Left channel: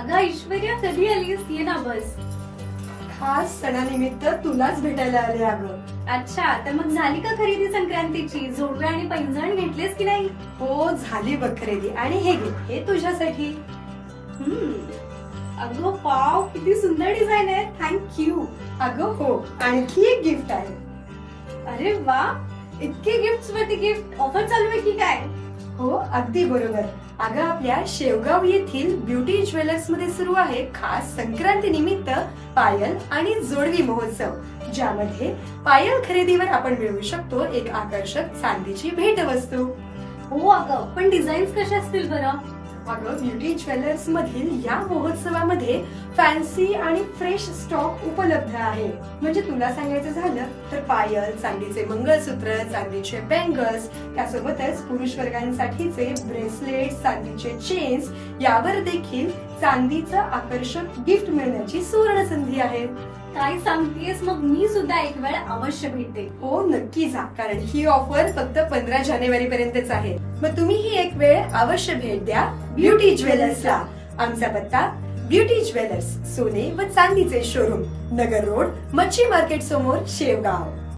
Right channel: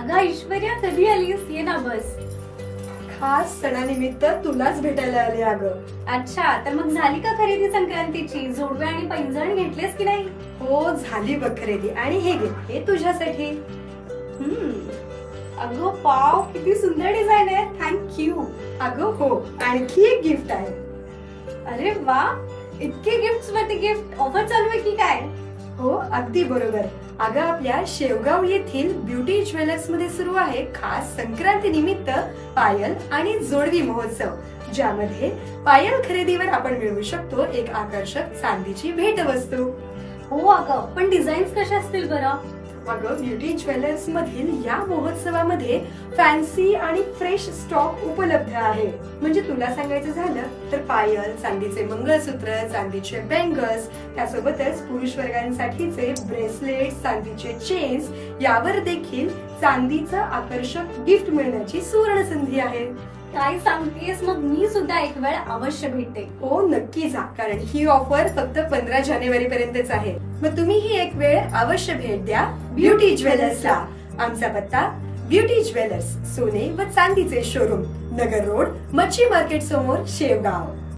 अगं ऐश्वर्या, कधी आलीस? ये ना बस. खास सणानिमित्त तुलाच भेटायला आले अगं. अच्छा, तर मग झाली का खरेदी संक्रांतीची? जोडवे आणि पैंजण घेतलेस की नाही? हो झाली बघ खरेदी. आणि हे घे, हे तुझ्यासाठी. अगं पाव, किती सुंदर डिझाईन आहे. थँक्यू. अगं हो, आणखी एक गिफ्ट आहे. अरे वा, इतके गिफ्ट वरती गिफ्ट. ऑफर चालू आहे की काय? हो अगदी बरोबर. अगं आपल्या शेवगाव येथील ब्युटी ज्वेलर्स मध्ये सुरू आहे खास संक्रांती निमित्त पायल आणि जोडवी महोत्सव, ज्यामध्ये पायल खरेदीवर आपण मिळवू शकतो एक आकर्षक चांदीची भेटवस्तू. हो अगं, पण डिझाईन्स कशा असतील बरं? अगं ब्युटी ज्वेलर्स मधील या महोत्सवामध्ये फॅन्सी आणि फ्रेश स्टॉक उपलब्ध आहे. म्हणजे तुला सांगायचं झालं तर पायल, चांदीचे मंगळसूत्र, चांदीचे बँगल्स, त्यासोबतच पुरुष वर्गांसाठीचे ब्रेसलेट, चांदीचे चेन्स, यावर देखील चांदीचं आकर्षक गिफ्ट मिळण्याची सुवर्ण संधी आहे. काय सांगतेस? मग मी सुद्धा एक वेळ अवश्य भेटते. हो नक्की जा, कारण ही ऑफर फक्त 15 जानेवारी पर्यंतच आहे. मग तुम्ही ही एक वेळ अवश्य भेट द्या ब्युटी ज्वेलर्सला. आमचा पत्ता ब्युटी ज्वेलर्स, सोने व चांदीचे शोरूम, नगर रोड, मच्छी मार्केट समोर, शेवगाव.